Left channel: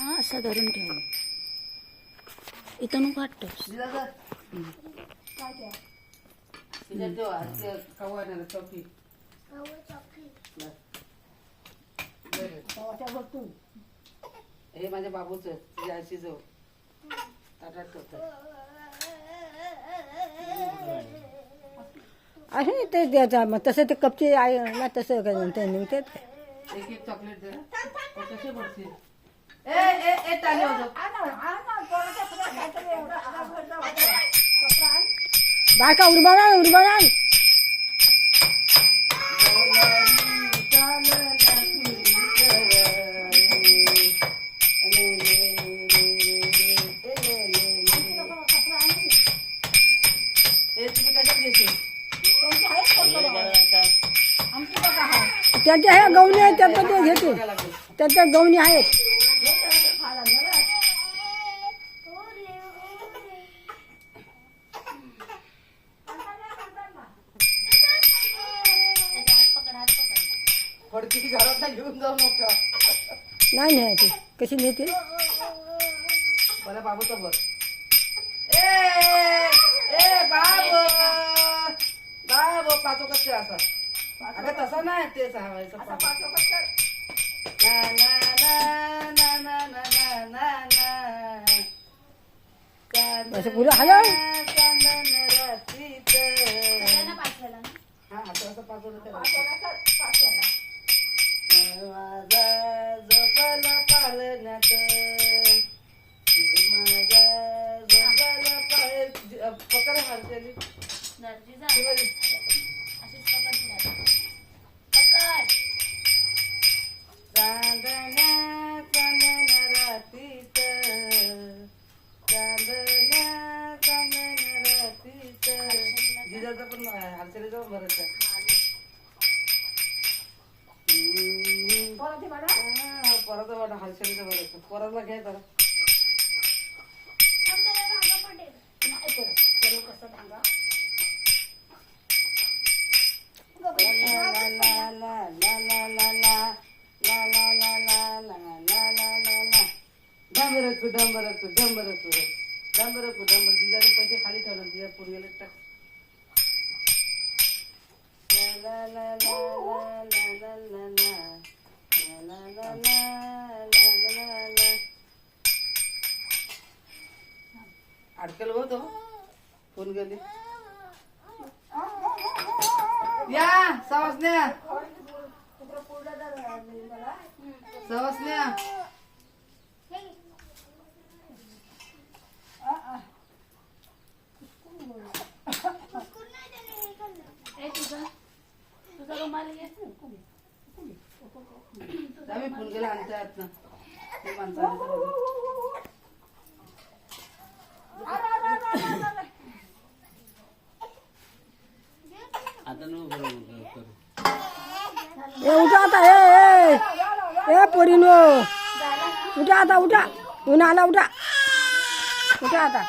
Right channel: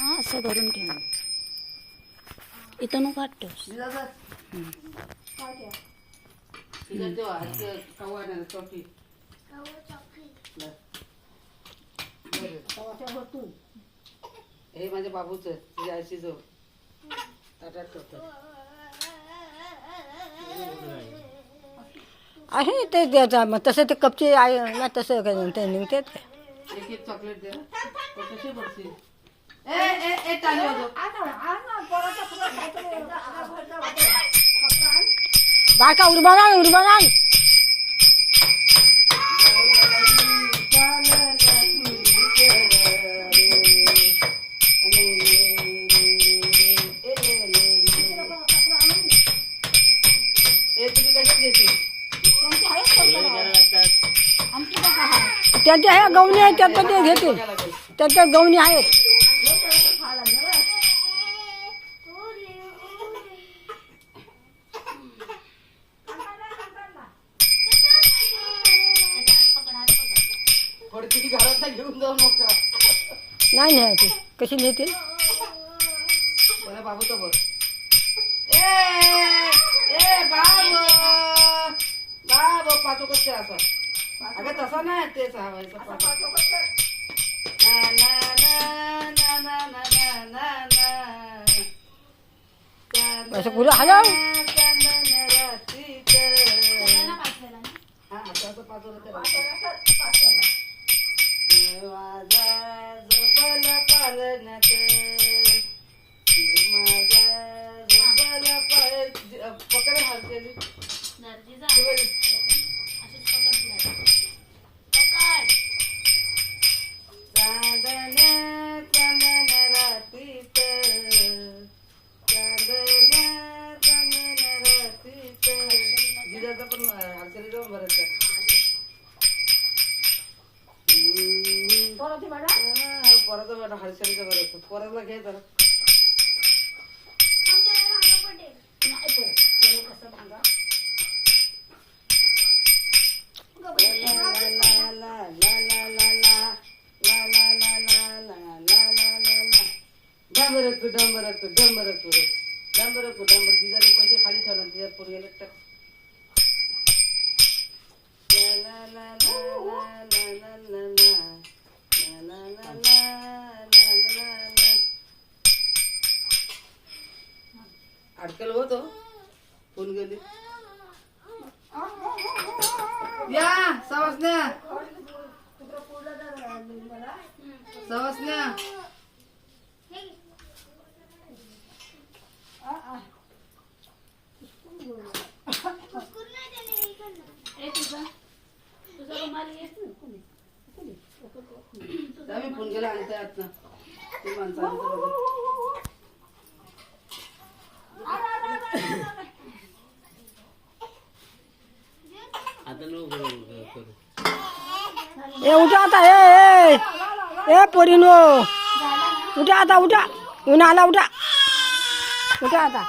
हा असं धरून ठेव. इथं नको वाटतोस. हे माझ्या बाबूच यायची जो आहे ते द्यायचं मग तसं ते कपचे आहे ना तसं काय ते निघतात काय एक एक चॉकलेट दे कसे पडतील ए टाली बायका उर्बान त्याच्या ह्या गवणी आहेत त्यात ते घेते त्याच्या गवणी आहेत. घरात घेऊन जाऊ नका. नाही न्यायची कशी नेते मला बाबूचा बघ. ए बाबू बाबू पाचो कच्चे असा अगं तसा नाही ते सांगायचं असं पुढं हलव माझा जपल पालण्यात माझा जपल पकड हारकेली चांदण्या चांदण रातीत चांदण्या चांदण रातीत जिजाचं पण हारकेली जाऊन भरायचं. परत हर्षालीचं बरं परतला घे जरा डांबर तिथे पैसे खाली ठेवणार तिच्या पोरगेला टाक. अडकल होतो फोन गेली या सवसन्या आम्ही फोन केला आणता येत ना ते माणसं ए उठा आता ए पोरीनो उठा आता उठा ऊन आला उठा आता